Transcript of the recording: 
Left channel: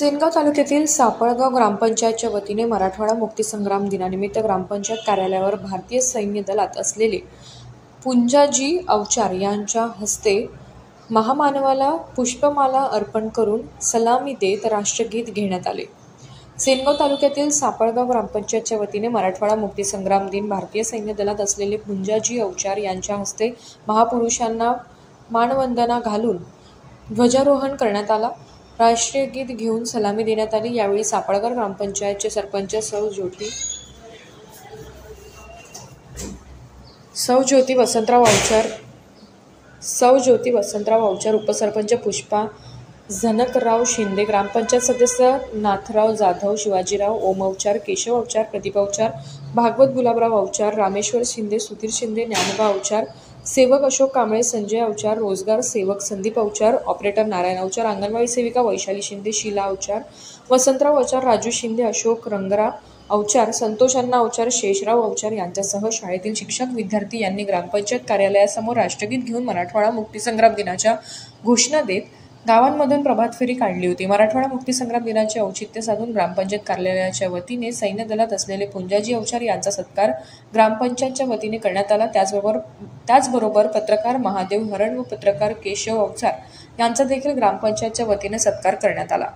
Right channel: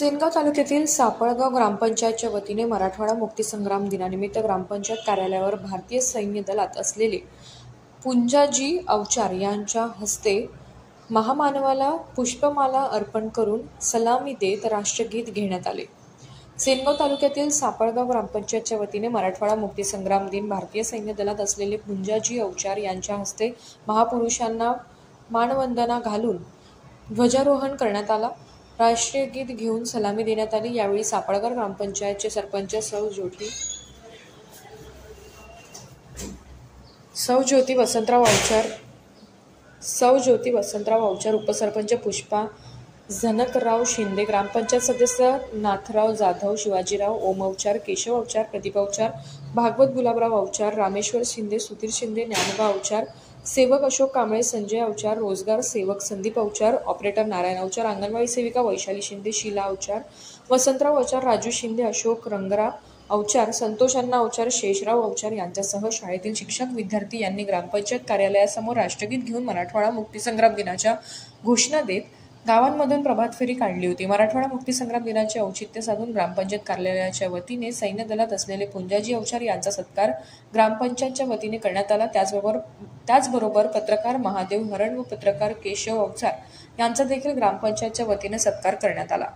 सेनगाव तालुक्यातील सापळगाव ग्रामपंचायतच्या वतीने मराठवाडा मुक्तीसंग्राम दिनानिमित्त ग्रामपंचायत कार्यालयावर भारतीय सैन्य दलात असलेले पुंजाजी अवचार यांच्या हस्ते महामानवाला पुष्पमाला अर्पण करून सलामी देत राष्ट्रगीत घेण्यात आले। सेनगाव तालुक्यातील सापळगाव ग्रामपंचायतच्या वतीने मराठवाडा मुक्तीसंग्राम दिन भारतीय सैन्य दलात असलेले पुंजाजी अवचार यांच्या हस्ते महापुरुषांना मानवंदना घालून ध्वजारोहण करण्यात आला। राष्ट्रीय गीत घेऊन सलामी देण्यात आली। यावेळी सापळगाव ग्रामपंचायतचे सरपंच सौ ज्योती वसंतराव अवचार, उपसरपंच पुष्पा झनकराव शिंदे, ग्रामपंचायत सदस्य नाथराव जाधव, शिवाजीराव, ओम अवचार, केशव अवचार, प्रदीप अवचार, भागवत गुलाबराव अवचार, रामेश्वर शिंदे, सुधीर शिंदे, ज्ञानोबा अवचार, सेवक अशोक कांबळे, संजय अवचार, रोजगार सेवक संदीप अवचार, ऑपरेटर नारायण अवचार, अंगणवाडी सेविका वैशाली शिंदे, शीला अवचार, वसंतराव अवचार, राजू शिंदे, अशोक रंगरा अवचार, संतोष अण्णा अवचार, शेषराव अवचार यांच्यासह शाळेतील शिक्षक विद्यार्थी यांनी ग्रामपंचायत कार्यालयासमोर राष्ट्रगीत घेऊन मराठवाडा मुक्तीसंग्राम दिनाच्या घोषणा देत गावांमधून प्रभात फेरी काढली होती। मराठवाडा मुक्तीसंग्राम दिनाचे औचित्य साधून ग्रामपंचायत कार्यालयाच्या वतीने सैन्य दलात असलेले पुंजाजी अवचार यांचा सत्कार ग्रामपंचायतच्या वतीने करण्यात आला। त्याचबरोबर पत्रकार महादेव हरण व पत्रकार केशव अवचार यांचा देखील ग्रामपंचायतच्या वतीने सत्कार करण्यात आला।